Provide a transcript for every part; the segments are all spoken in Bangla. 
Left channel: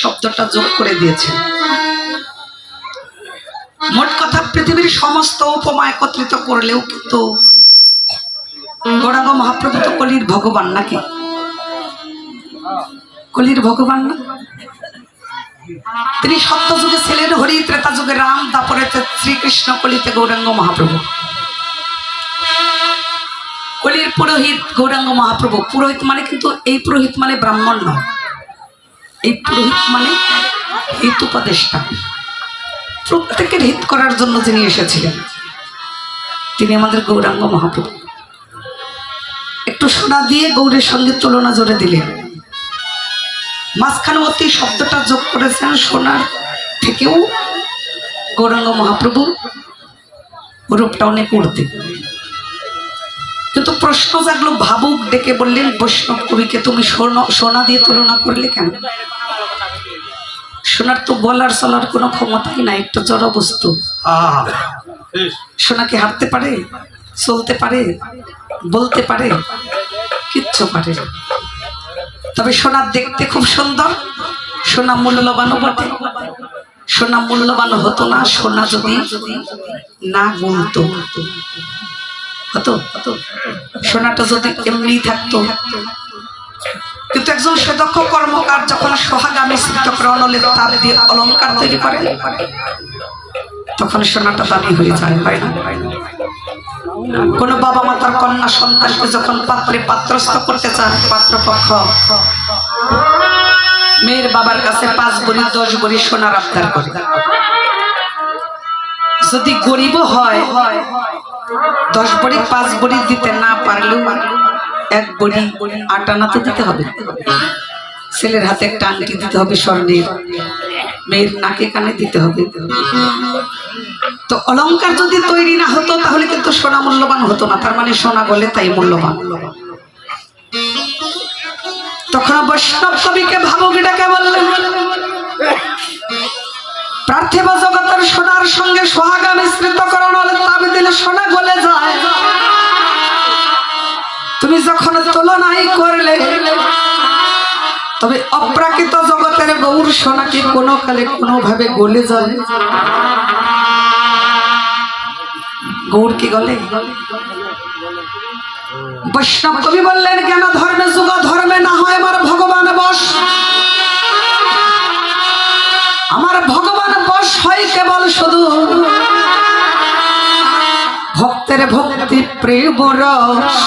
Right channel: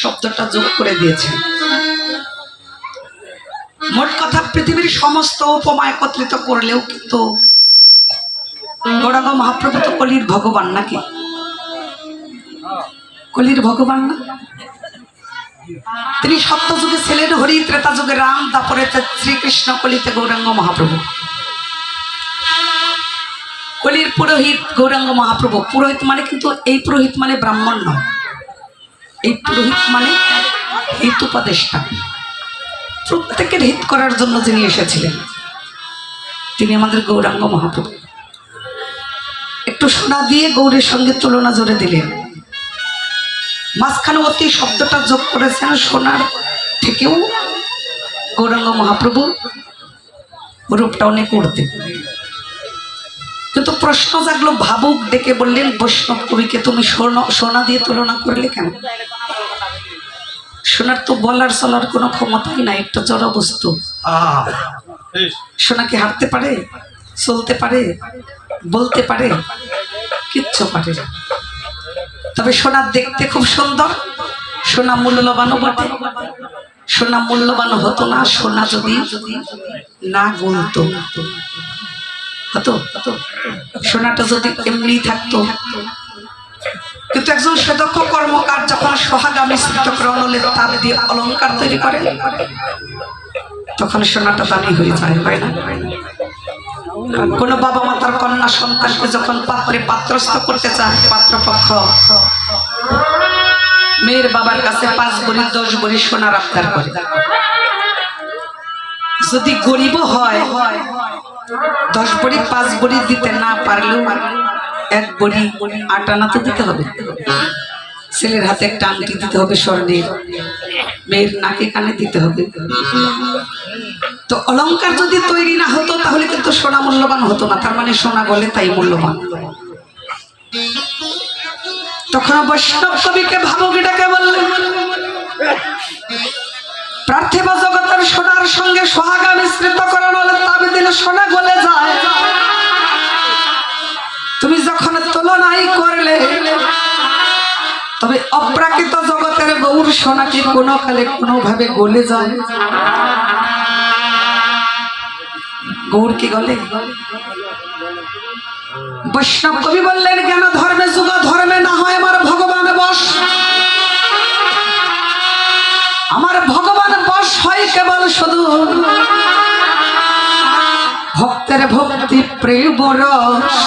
শব্দটা যোগ করে দিয়েছেন। মোট কথা পৃথিবীর সমস্ত উপমা একত্রিত করলেও কিন্তু গৌরাঙ্গ মহাপ্রভু তো কলির ভগবান নাকি? কলির ভগবান না? তিনি সত্য যুগে ছিলেন হরি, ত্রেতা যুগে রাম, তারপরে শ্রীকৃষ্ণ, কলিতে গৌরাঙ্গ মহাপ্রভু। কলির পুরোহিত গৌরাঙ্গ মহাপ্রভু। পুরোহিত মানে কিন্তু এই পুরোহিত মানে ব্রাহ্মণ নয়, এই পুরোহিত মানে হিত উপদেষ্টা। প্রত্যেকের হিত করার জন্য যিনি এসেছিলেন তিনি আমাদের গৌরাঙ্গ মহাপ্রভু। একটু সোনা দিয়ে গৌরের সঙ্গে তুলনা জোরে দিলেন, মাঝখানে অতি শব্দটা যোগ করেছেন। সোনার থেকেও গৌরাঙ্গ মহাপ্রভু রূপটা অনেক উঠতে। কিন্তু প্রশ্ন জাগলো, ভাবুক ডেকে বললেন, বৈষ্ণব কবিকে তুমি সোনা দিয়ে তুলনা করলে কেন? সোনার তো বলার চলার কোনো ক্ষমতাই নাই, একটা জড় বস্তু। সোনা কি হাঁটতে পারে, চলতে পারে, বলতে পারে? কিচ্ছু পারে না। তবে সোনা দেখতে খুব সুন্দর, সোনা মূল্যবানও বটে। সোনা মূল্যবান হতো না সোনা যদি না গুনত হতো। সোনাটা যদি এমনি থাকতো। কিন্তু একজন সুদক্ষ কর্মকার যখন সোহাগা মিশ্রিত করে অনলের তাপ দিয়ে অলঙ্কার তৈরি করে, তখন সোনাটা দামি হয়ে যায়, হয় না? কোন বাবা মা তার কন্যা সন্তানকে যখন পাত্রে পাত্রস্থ করতে চায়, পাত্রপক্ষ মেয়ের বাবার কাছে 5 ভরি 10 ভরি সোনার আবদার করে। যদি গরিব হয় 10 ভরি 5 ভরি দিতে না পারলেও 1 ভরি 8 আনা তো দিতে হবে। ছেলের হাতে একটা আংটি দিতে হবে স্বর্ণের, মেয়ের নাকে কানে দিতে হবে। তো অলংকার যদি তৈরি না হতো তাহলে কিন্তু সোনা মূল্যবান হতো না। তার মানে সোনা বলে তাই মূল্যবান। তখন বৈষ্ণব কবিকে ভাবুকিটাকে বললেন, পার্থিব জগতের সোনার সঙ্গে সোহাগা মিশ্রিত করানো হলে তাবি দিলে সোনা গলে যায়। তুমি যখন তুলনাই করলে, তবে অপ্রাকৃত জগতের গৌর সোনা কি কোনো কালে কোনো ভাবে গলে যায়? গৌর কি গলে? বৈষ্ণব কবি বললেন, জ্ঞান ধর্মে যুগ ধর্মে না হয় আমার ভগবান বশ। আমার ভগবান বশ হয় কেবল শুধু ভক্তের ভক্তি প্রেম রস।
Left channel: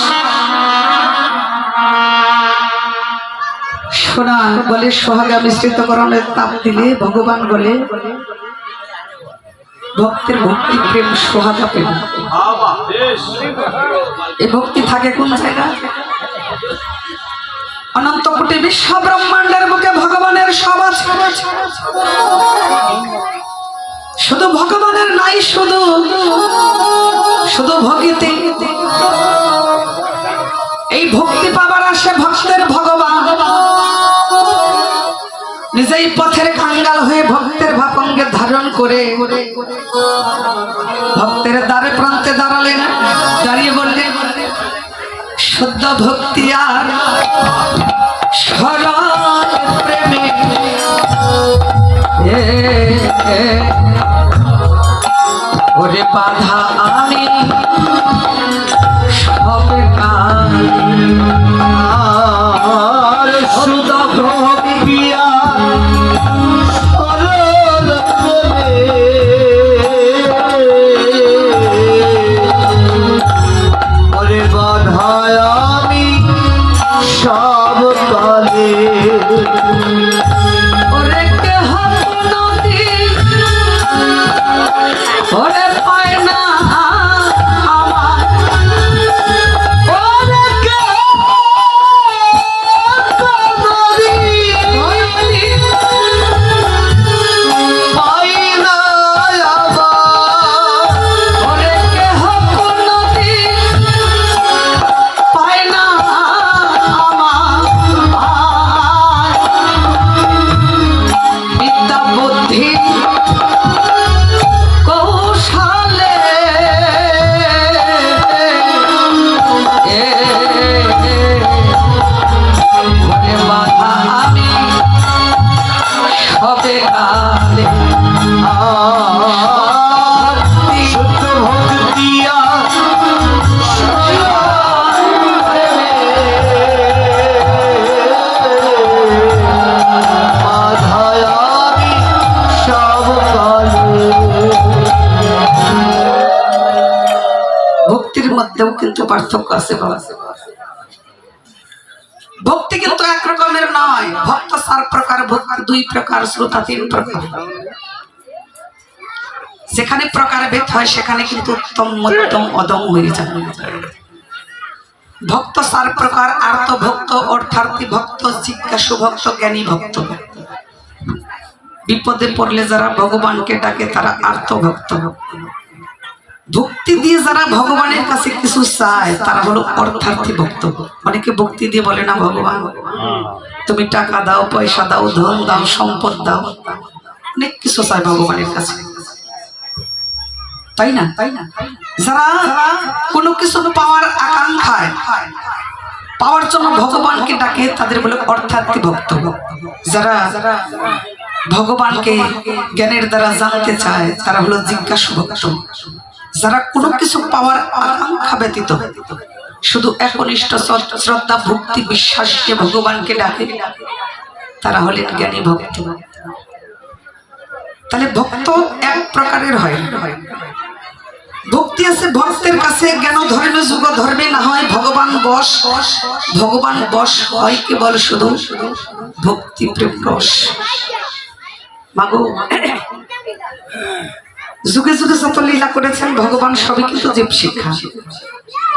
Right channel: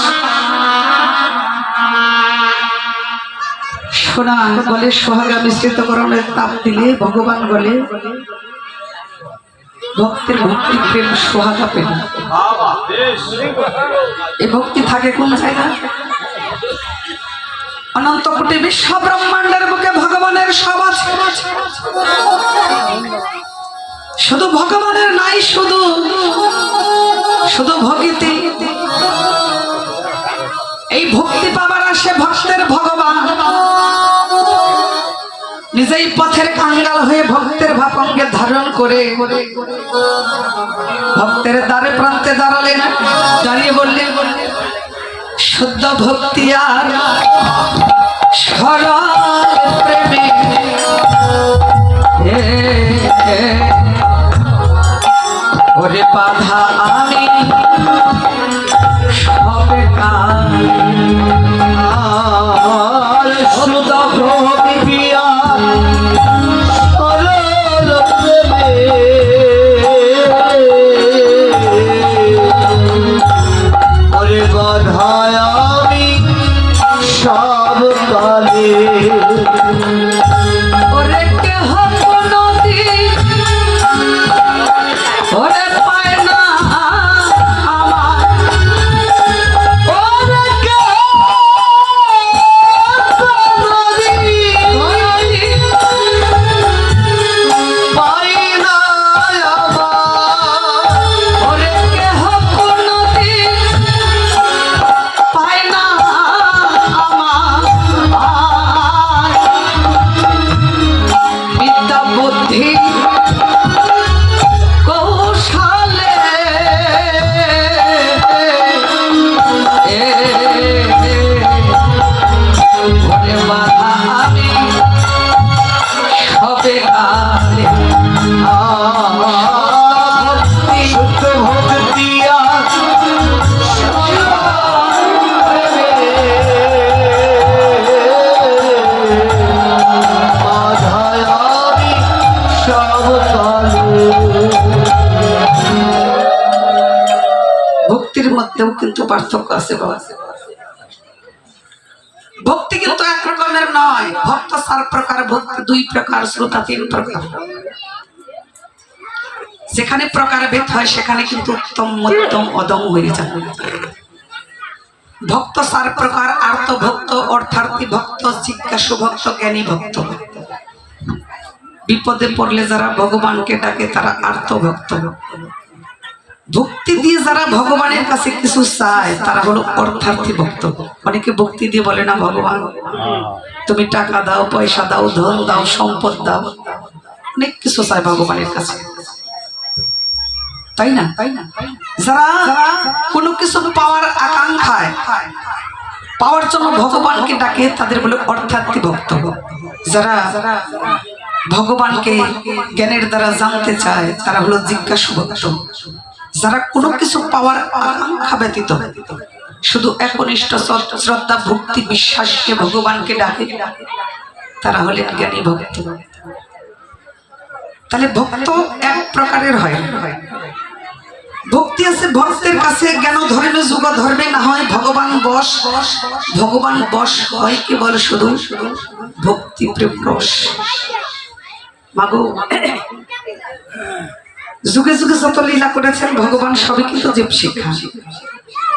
সোনা বলে সোহাগা মিশ্রিত করণের তাপ দিলে ভগবান বলে ভক্তের ভক্তি প্রেম সোহাগা পেল। এই ভক্তি থাকে কোন জায়গা? অনন্ত কোটি বিশ্ব ব্রহ্মাণ্ডের বুকে ভগবানের সব আছে, শুধু ভগবানের নাই শুধু ভক্তি। এই ভক্তি পাবার আসে ভক্তের ভগবান নিজেই পথের কাঙ্গাল হয়ে ভক্তের ভাপাঙ্গে ধারণ করে ভক্তের দ্বারে প্রান্তে দাঁড়ালেন, দাঁড়িয়ে বললেন, শুদ্ধ ভক্তি আর শরণ প্রেমে ওরে বাধা আমি সবে কাল শুদ্ধ ভক্তি ওরে পায় না হবে কালে শুদ্ধ ভক্তি মাধায়ামি সব কালে। ভক্তির মধ্যেও কিন্তু পার্থক্য আছে বাবা। ভক্তি কিন্তু এক রকমের নয়। ভক্ত 4 প্রকার, ভক্ত 2 প্রকার, শ্রোতা 3 প্রকার। যেখানে প্রকার ভেদ হয় সেখানে কিন্তু উত্তম মধ্যম অদম হয়ে যায়। ভক্ত 4 প্রকার: আর্ত ভক্ত, অর্থার্থী ভক্ত, জিজ্ঞাসু ভক্ত, জ্ঞানী ভক্ত। বিপদে পড়লে যারা ভগবানকে ডাকে তারা আর্ত ভক্ত। ভক্তি দিয়ে যারা ভগবানের কাছে কিছু চায় তারা হলো অর্থার্থী ভক্ত। অনেকে ভক্তি দিয়ে বলে না, ভগবান তুমি টাকা দাও, পয়সা দাও, ধন দাও, সম্পদ দাও, অনেক কিছু চায় ভগবানের কাছে, তাই না? যারা কোনো কিছু পাওয়ার আকাঙ্ক্ষায়, পাওয়ার জন্য ভগবানকে ডাকে তাদের বলে অর্থার্থী ভক্ত। যারা ভগবানকে জ্ঞানের দ্বারা জানতে চায় তারা হলো জিজ্ঞাসু ভক্ত। যারা কোনো কিছু পাওয়ার আকাঙ্ক্ষা ব্যতীত শুধু একনিষ্ঠ শ্রদ্ধা ভক্তি বিশ্বাস নিয়ে ভগবানকে ডাকে তারা হলেন জ্ঞানী ভক্ত। তাহলে ভক্ত এক প্রকারের হয়। ভক্তি আছে ভক্তের কাছে জ্ঞান ধর্মে যুগ ধর্মে না হয় ভগবান বশ। ভগবান বশ হয় কেবল শুধু ভক্তি প্রেম রস। মাগো যুগে যুগে যত লীলা করেছেন ভগবান সবই কিন্তু জীব শিক্ষা।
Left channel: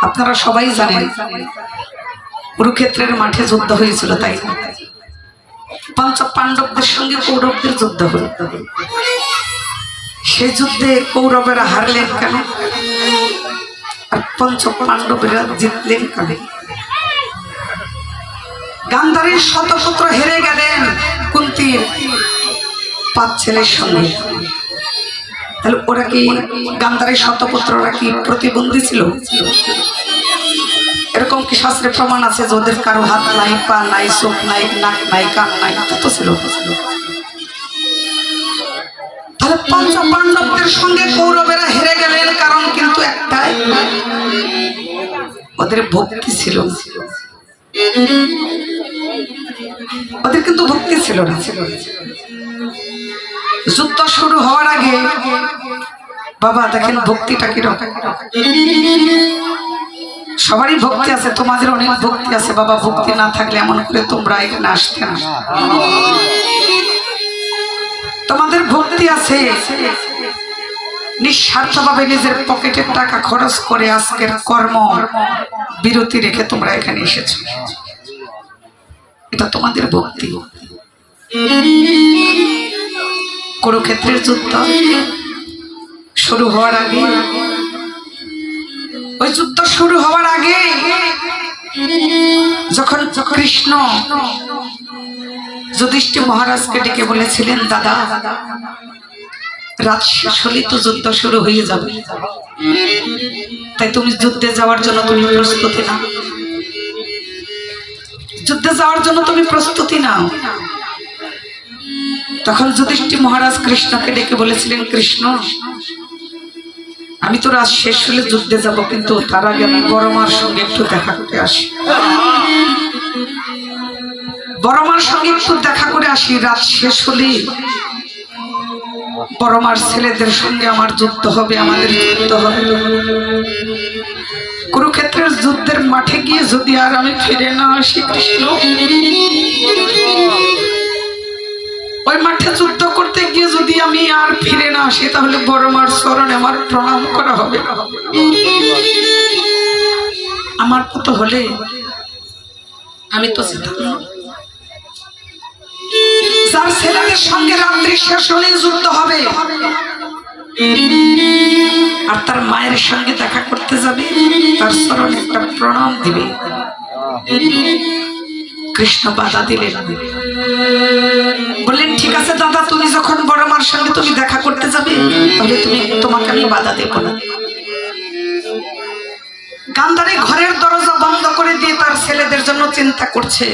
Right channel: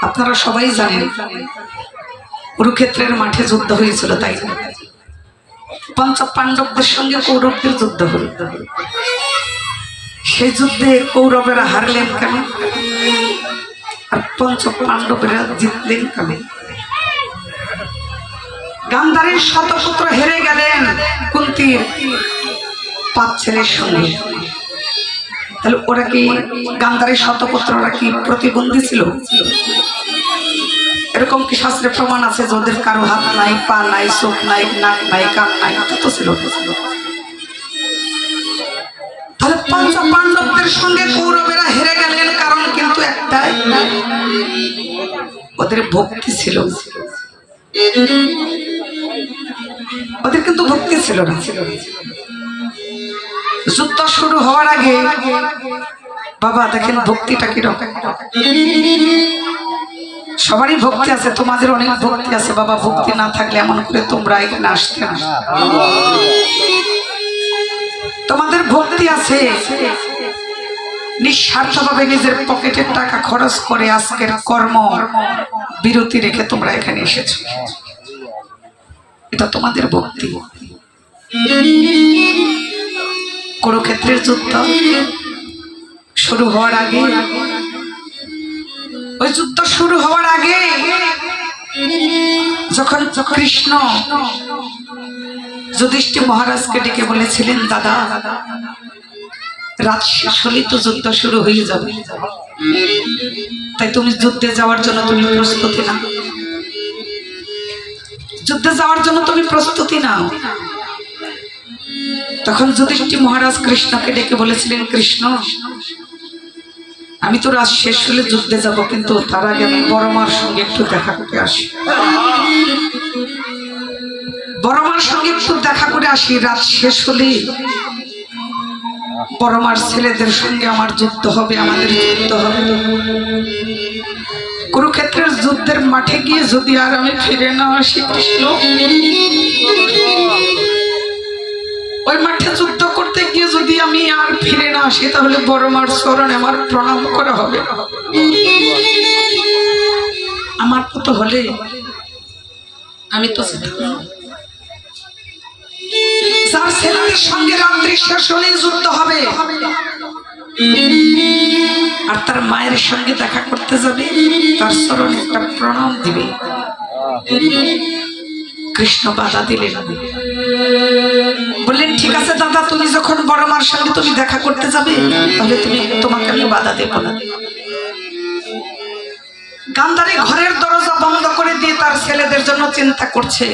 আপনারা সবাই জানেন কুরুক্ষেত্রের মাঠে যুদ্ধ হয়েছিল, তাই না? পঞ্চ পাণ্ডবদের সঙ্গে কৌরবদের যুদ্ধ হল। সেই যুদ্ধে কৌরবেরা হারলেন কেন আর পঞ্চ পাণ্ডবেরা জিতলেন কেন? গান্ধারীর শতপুত্র হেরে গেলেন কুন্তির 5 ছেলের সঙ্গে। তাহলে ওরা কি গান্ধারীর শতপুত্ররা কি প্রতিবন্ধী ছিল? এরকম কি শাস্ত্রে প্রমাণ আছে যে ওদের কারো হাত নাই, পা নাই, চোখ নাই, নাক নাই, কান নাই? তো ছিল। তাহলে পঞ্চ পাণ্ডবদের সঙ্গে কৌরবেরা হেরে গেলেন কারণ কিন্তু একটাই, ওদের ভক্তি ছিল না। ওদের কিন্তু ভক্তি ছিল না। যুদ্ধ শুরু হওয়ার আগে বাবা দেখেন ভক্তিটা কিরকম। সবারই ভক্তি আছে, তোমাদের অনেক ভক্তি আছে বাবা। ভক্তি না থাকলে এমন করে তোমরা এখানে আসতে না। তোমাদের ভক্তি আছে, নিঃস্বার্থভাবে নিজের পকেটের টাকা খরচ করে আজকের কর্ম বিরতি রেখে তোমরা এখানে এসেছো, এটা তোমাদের ভক্তি। কুরুক্ষেত্রের যুদ্ধ শুরু হওয়ার আগে, ওই যুদ্ধ শুরু হওয়ার আগে যখন কৃষ্ণ যুধিষ্ঠির মহারাজকে ডেকে বলেছিলেন, দাদা রাত শেষ হলেই তো যুদ্ধ শুরু হয়ে যাবে, তাই তুমি যুদ্ধে যাওয়ার জন্য তুমি প্রস্তুতি নাও, যুদ্ধে যাওয়ার জন্য তুমি প্রস্তুতি নাও। তখন যুধিষ্ঠির মহারাজ কৃষ্ণকে ডেকে বলেছিলেন, কৃষ্ণ আমি তো রাত শেষ হলে যুদ্ধে যাব, কিন্তু তার আগে আমি বড় মার সঙ্গে একটু দেখা করে আসি, বড় মার সঙ্গে একটু দেখা করে আসি। রাত শেষ হলে বড় মার ছেলেদের সঙ্গে আমার যুদ্ধ হবে, আমাদের যুদ্ধ হবে। কুরুক্ষেত্রের যুদ্ধের মাঠে গিয়ে যদি আর আমি ফিরে না আসি কৃষ্ণ, ওই মাঠে যুদ্ধ করতে গিয়ে যদি আমি আর ফিরে না আসি তাহলে বড় মার চরণে আমার প্রণাম করা হবে না। আমার তো হলে আমি তো যার ছেলেদের সঙ্গে রাত্রি শেষ হলেই যুদ্ধ হবে আর তার মায়ের সঙ্গে দেখা করতে যাবে, তার চরণে একটা প্রণাম দিবে। কৃষ্ণ বাধা দিলেন, বললেন ঠিক আছে দাদা, তুমি যখন বড় মার সঙ্গে তুমি দেখা করতে যাবে তাহলে তোমাকে আমি বাধা দেব না। গান্ধারী ঘরের দরজা বন্ধ করে দিয়ে তার ছেলেদের জন্য চিন্তা করছে।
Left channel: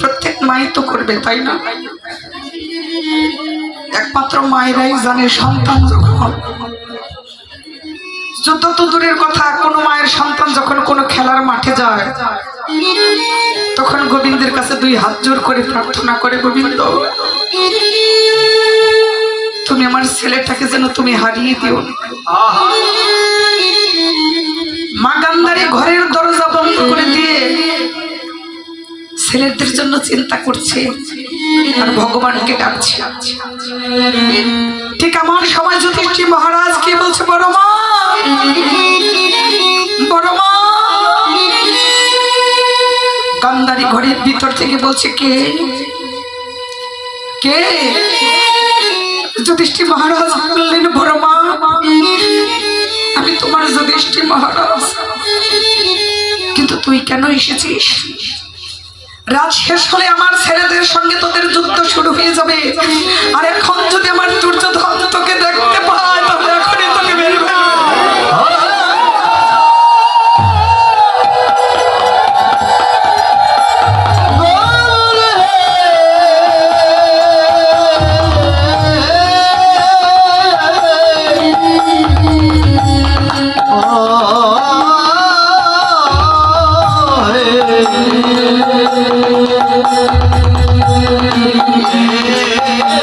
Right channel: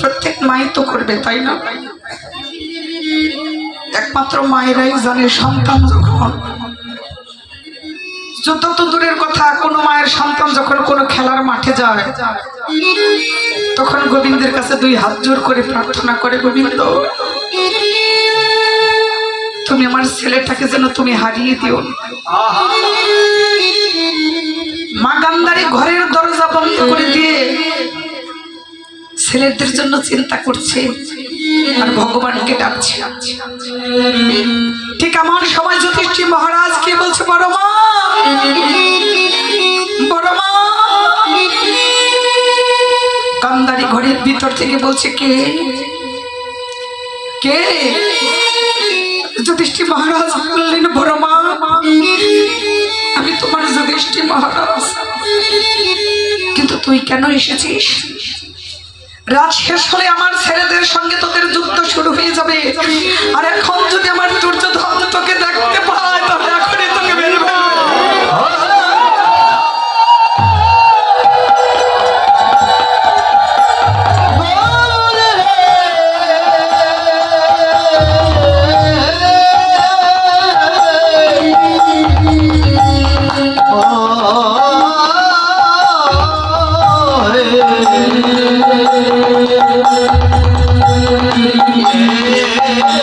প্রত্যেক মাই তো করবে, তাই না? একমাত্র মায়েরাই জানে সন্তান যখন, যুদ্ধ তো দূরের কথা, কোনো মায়ের সন্তান যখন কোনো খেলার মাঠে যায় তখন গোবিন্দের কাছে দুই হাত জোর করে প্রার্থনা করে, গোবিন্দ তুমি আমার ছেলেটাকে যেন তুমি হারিয়ে দিও। মা গান্ধারী ঘরের দরজা বন্ধ করে দিয়ে ছেলেদের জন্য চিন্তা করছে আর ভগবানকে ডাকছে। ঠিক আমার সময় যুধিষ্ঠির মহারাজ কি বলছে, বড় মা, বড় মা। গান্ধারী ঘরের ভিতর থেকে বলছে, কে কে? যুধিষ্ঠির মহারাজ বললেন, বড় মা, আমি তোমার যুধিষ্ঠির মহারাজ, কিন্তু তুই কেন এসেছিস? রাত শেষ হলে আমার ছেলেদের সঙ্গে তোদের যুদ্ধ শুরু হয়ে যাবে, আর এখন যদি আমার দুর্যোধন তোকে দেখতে পায় তাহলে এখনই তোকে মেরে ফেলবে।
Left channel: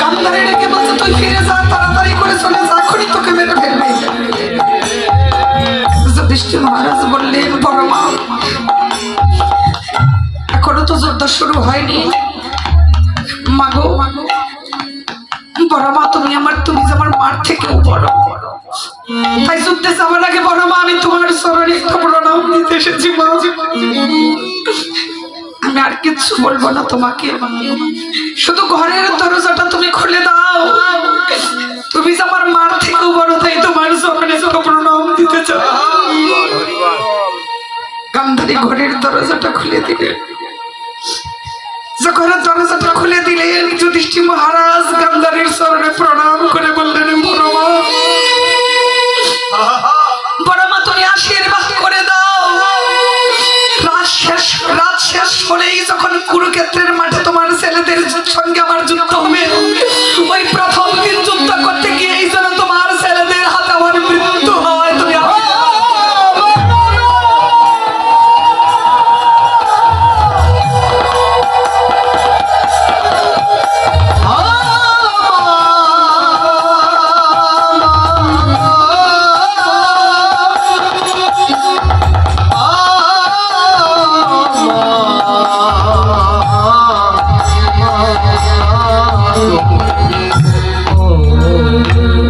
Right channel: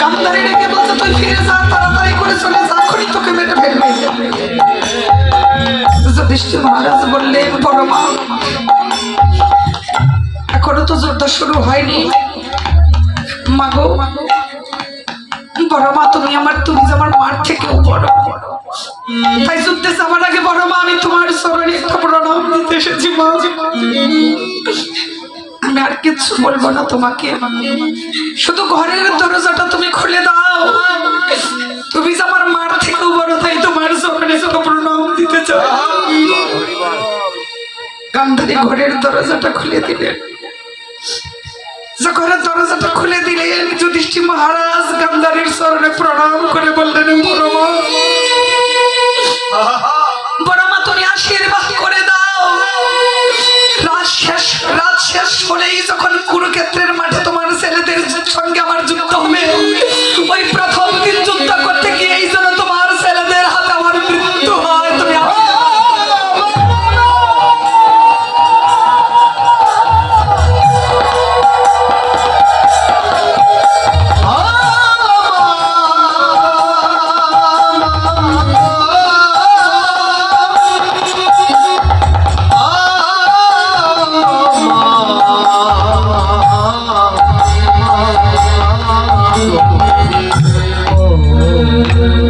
গান্ধারী রেখে বলছে, তুই ফিরে যা, তাড়াতাড়ি করে চলে যা, এখনই তোকে মেরে ফেলবে। যুধিষ্ঠির মহারাজ বললেন, বড় মা, এখনো তো যুদ্ধ শুরু হয়নি। মাগো, বড় মা, তুমি যে আমার মার থেকেও বড়, তাই যুদ্ধে যাবার আগে বড় মা আমি তোমার চরণে একটা প্রণাম দিতে এসেছি। মা, আমি আর কিচ্ছু বলবো না তোমাকে, শুধু ঘরের দরজাটা তুমি খুলে দাও। তুমি যে আমার মার থেকেও বড়, তাই তোমার চরণে একটা প্রণাম দিতে চাই। গান্ধারী ঘরের দরজাটা খুলে দিলেন। ঘরের দরজাটা খুলে দিলেন, যুধিষ্ঠির মহারাজ গান্ধারীর চরণে প্রণাম করে বললেন, বড় মা, বড় মা, তুমি আশীর্বাদ করে দাও। রাত শেষ হলেই যখন কুরুক্ষেত্রের মাঠে তোমার ছেলেদের সঙ্গে আমার যুদ্ধ হবে, ওই প্রথম দিন যুদ্ধ করতে গিয়েই যেন তোমার ছেলেদের হাতে আমার মৃত্যু হয়। তুমি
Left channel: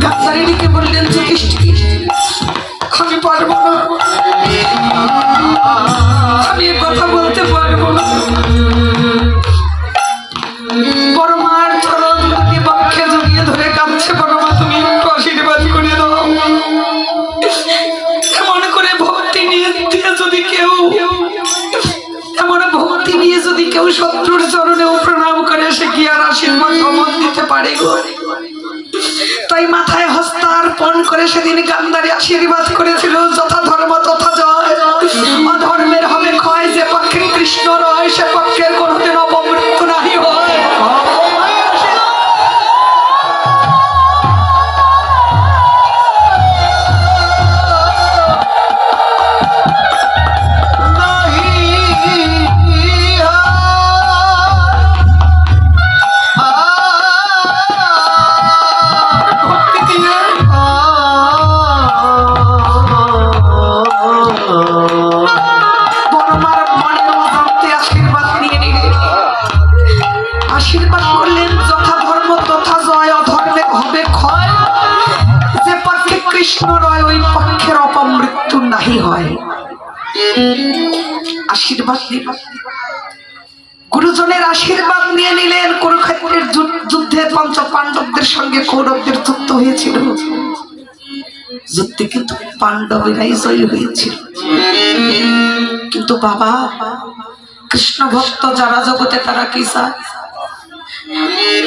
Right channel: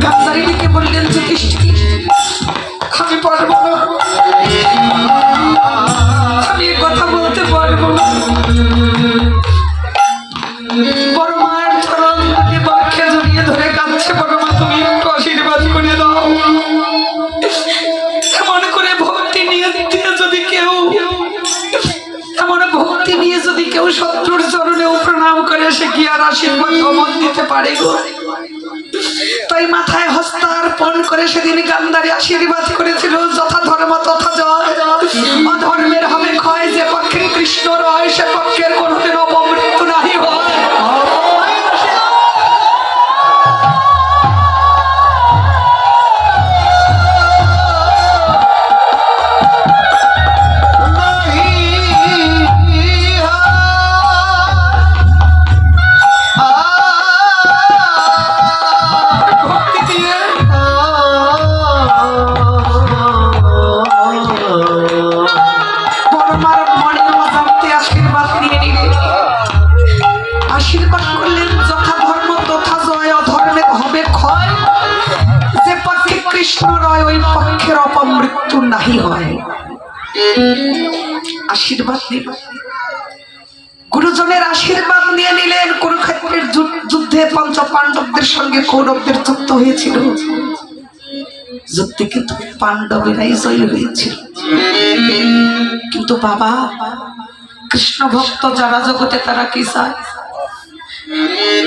গান্ধারীকে বললেন, যুধিষ্ঠির, আমি পারবো না, আমি এ কথা বলতে পারবো না। বড় মার চরণ দুটি বক্ষে জড়িয়ে ধরে কাঁদছে। বড় মা, তুমি একটু আশীর্বাদ করে দাও। এমন করে ভক্তি নিয়ে যদি কেউ শত্রুর চরণেও প্রণাম করে, সে কি আর আশীর্বাদ অমন দিতে পারে গো? তাই মাথায় হস্তার্পণ করে সেদিন গান্ধারী আশীর্বাদ করেছিল, যথা ধর্ম তথা জয়, অধর্মের হবে ক্ষয়, যে পক্ষে কৃষ্ণ রয় সে পক্ষের কোনোদিন অপমৃত্যু নাহি হয়। আশীর্বাদ করলেন, যথা ধর্ম তথা জয়, অধর্মের হবে ক্ষয়, যে পক্ষে কৃষ্ণ রয় ওই পক্ষের অপমৃত্যু নাহি হয়। আশীর্বাদ গুরুজনের আশীর্বাদ নিয়ে নিলেন। কুরুক্ষেত্রের যুদ্ধে পঞ্চ পাণ্ডবদের সঙ্গে কৌরবদের যুদ্ধ হয়েছিল, যুদ্ধে কিন্তু পাণ্ডবেরাই জয় হয়েছিল। কিন্তু বাবা, কৃষ্ণ ভক্ত যারা জগতে তারা কি চায়?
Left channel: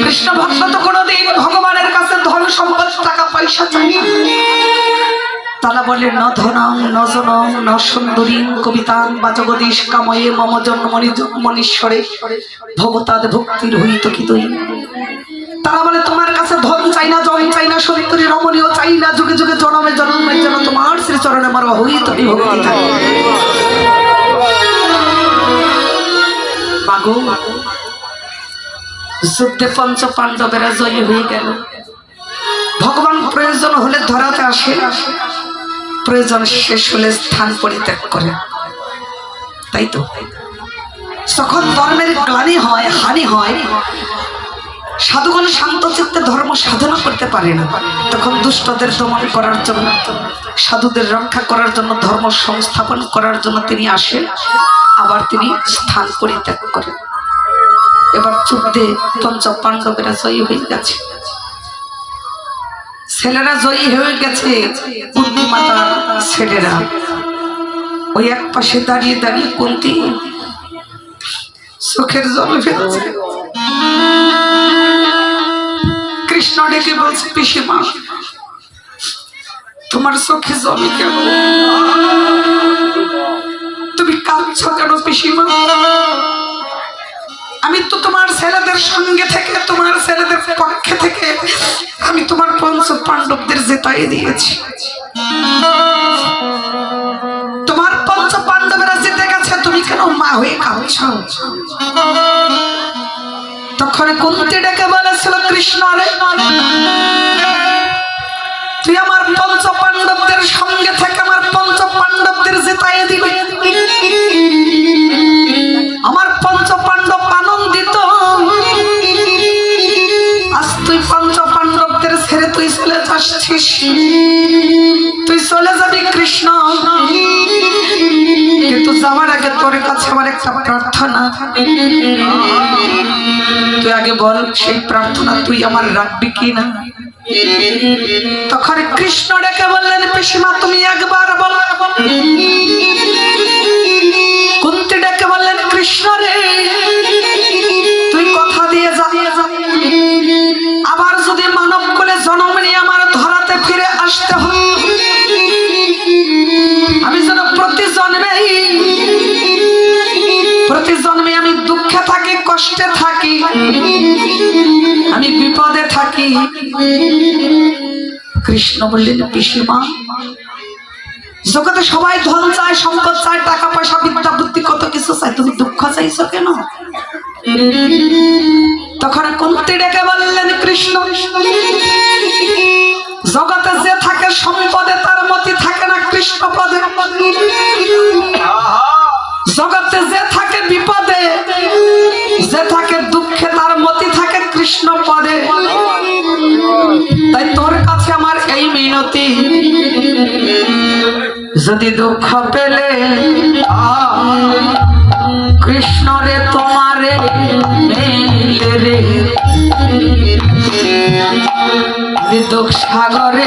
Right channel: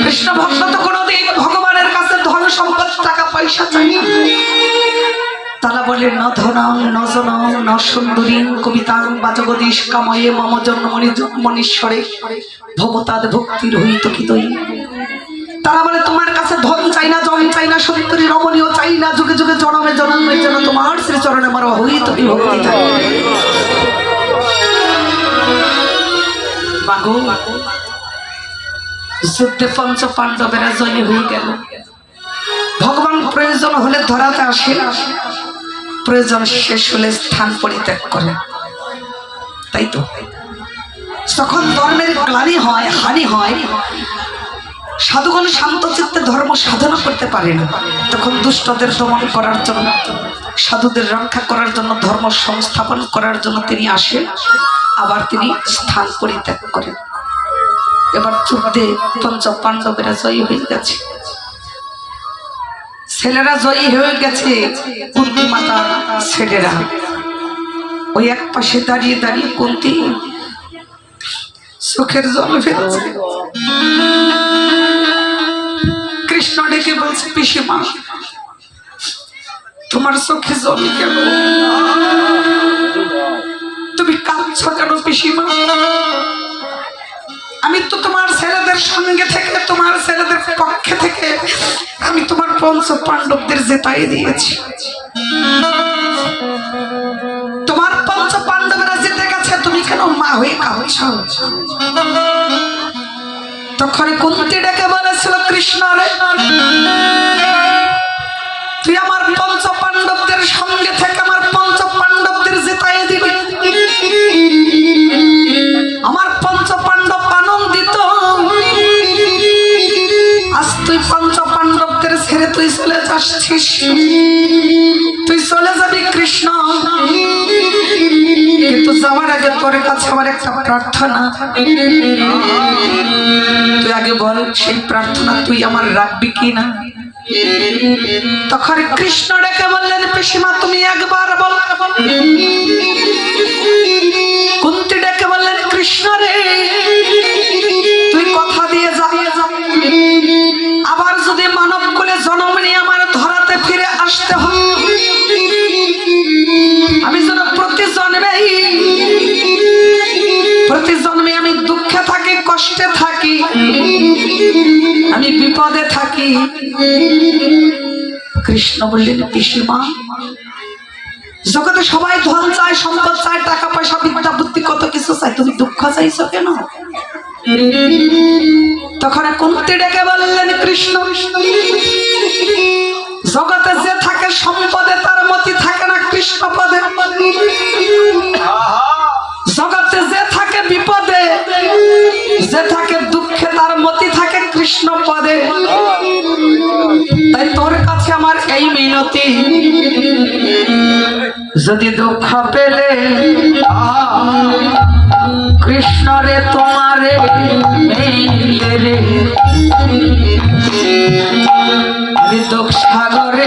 কৃষ্ণ ভক্ত তো কোনোদিন ভগবানের কাছে ধন সম্পদ টাকা পয়সা চায় না, তারা বলে ন ধনং ন জনং ন সুন্দরীং কবিতাং বা জগদীশ কাময়ে মম জন্মনি মনীশ্বরে ভবতাদ ভক্তির হইত কি তৈ। তারা বলে তোমার কাছে ধন চাই না, জন চাই না, সুন্দরী রমণীয় চাই না, যুগে যুগে জনমে জন্মে যেন তোমার শ্রীচরণে আমার হইত কি ভক্তি থাকে। মাগো যুদ্ধে পঞ্চ পাণ্ডবেরা জয়ী হয়ে গেল। ভগবান প্রয়োজন হলে ধরাতে আসে, প্রয়োজন শেষ হলে স্থান পরিত্যাগ করে, তাই তো। যখন ধর্মের গ্লানি হয়, হানি হয়, সাধুগণ শান্ত চিত্তে ধর্ম সাধনা করতে পারে না, তখন দুষ্টদের দমন করার জন্য, সাধুদের রক্ষা করার জন্য, ধর্ম সংস্থাপন করার জন্য তিনি আসেন, আবার তিনি স্থান পরিত্যাগ করেন। এবার যুদ্ধে পঞ্চ পাণ্ডবেরা জয়ী হয়ে গেছে, ছেলেরা জয়ী হয়ে গেছে, বুদ্ধিমাতার ছেলেরা। ওই এক পাশে দাঁড়িয়ে দাঁড়িয়ে কুন্তী চোখের জল ফেলছে। কৃষ্ণ ডেকে বলছে, পিসিমা তোমার চোখে জল কেন? তুমি কাঁদছ কেন পিসিমা? আমি তো তোমার ছেলেদের সঙ্গে থেকে, তোমার ছেলেদের পক্ষে থেকে আমি তোমার পঞ্চ পাণ্ডবদের জেতাই দিয়েছি। তোমার পঞ্চ পাণ্ডবেরা জিতে গেছে, তুমি কেন মা হয়ে কাঁদছ? তখন কুন্তী ডেকে বলেছিল, কৃষ্ণ রে, তুই আমার পঞ্চ পাণ্ডবদের সঙ্গে থেকে আমার পঞ্চ পাণ্ডবদের জেতাই দিবি। আমার পঞ্চ পাণ্ডব আনন্দিত, আজ তুই পঞ্চ পাণ্ডবদের ছেড়ে তুই চলে যাচ্ছিস, তুই চলে যাবি কৃষ্ণ, কিন্তু যাওয়ার আগে তোর কাছে আমার একটা প্রার্থনা। তুই আগে বল সেই প্রার্থনা তুই আমার রাখবি কি না? তখন কৃষ্ণ ডেকে বললেন, পিসিমা তুমি একবার বল। কুন্তী ডেকে বললেন, কৃষ্ণ রে, তুই কথা দিয়ে যা, আবার যদি মানব কুলে জন্ম নিয়ে আমার ধরাতে ফিরে আসতে হয়, আমি যেন প্রতি জন্মে আমি দুঃখে থাকি, কষ্টে থাকি, আমি বিপদে থাকি। কৃষ্ণ বললেন, পিসিমা জগতে সবাই ধন চায়, সম্পদ চায়, টাকা পয়সা, বিদ্যা বুদ্ধি, কত কিছু চায়, তুমি দুঃখ চাইছো কেন? তখন কুন্তী ডেকে বললেন, কৃষ্ণ জগতে যে থাকে সম্পদে তার মতি থাকে না কৃষ্ণ পদে, জগতে যে থাকে বিপদে, যে থাকে দুঃখে তার মতি থাকে কৃষ্ণ পদে। তাই তোর কাছে আমার এই মিনতি, যদি দুঃখ পেলে কৃষ্ণ রে তোমারে রে দুঃখ সাগরে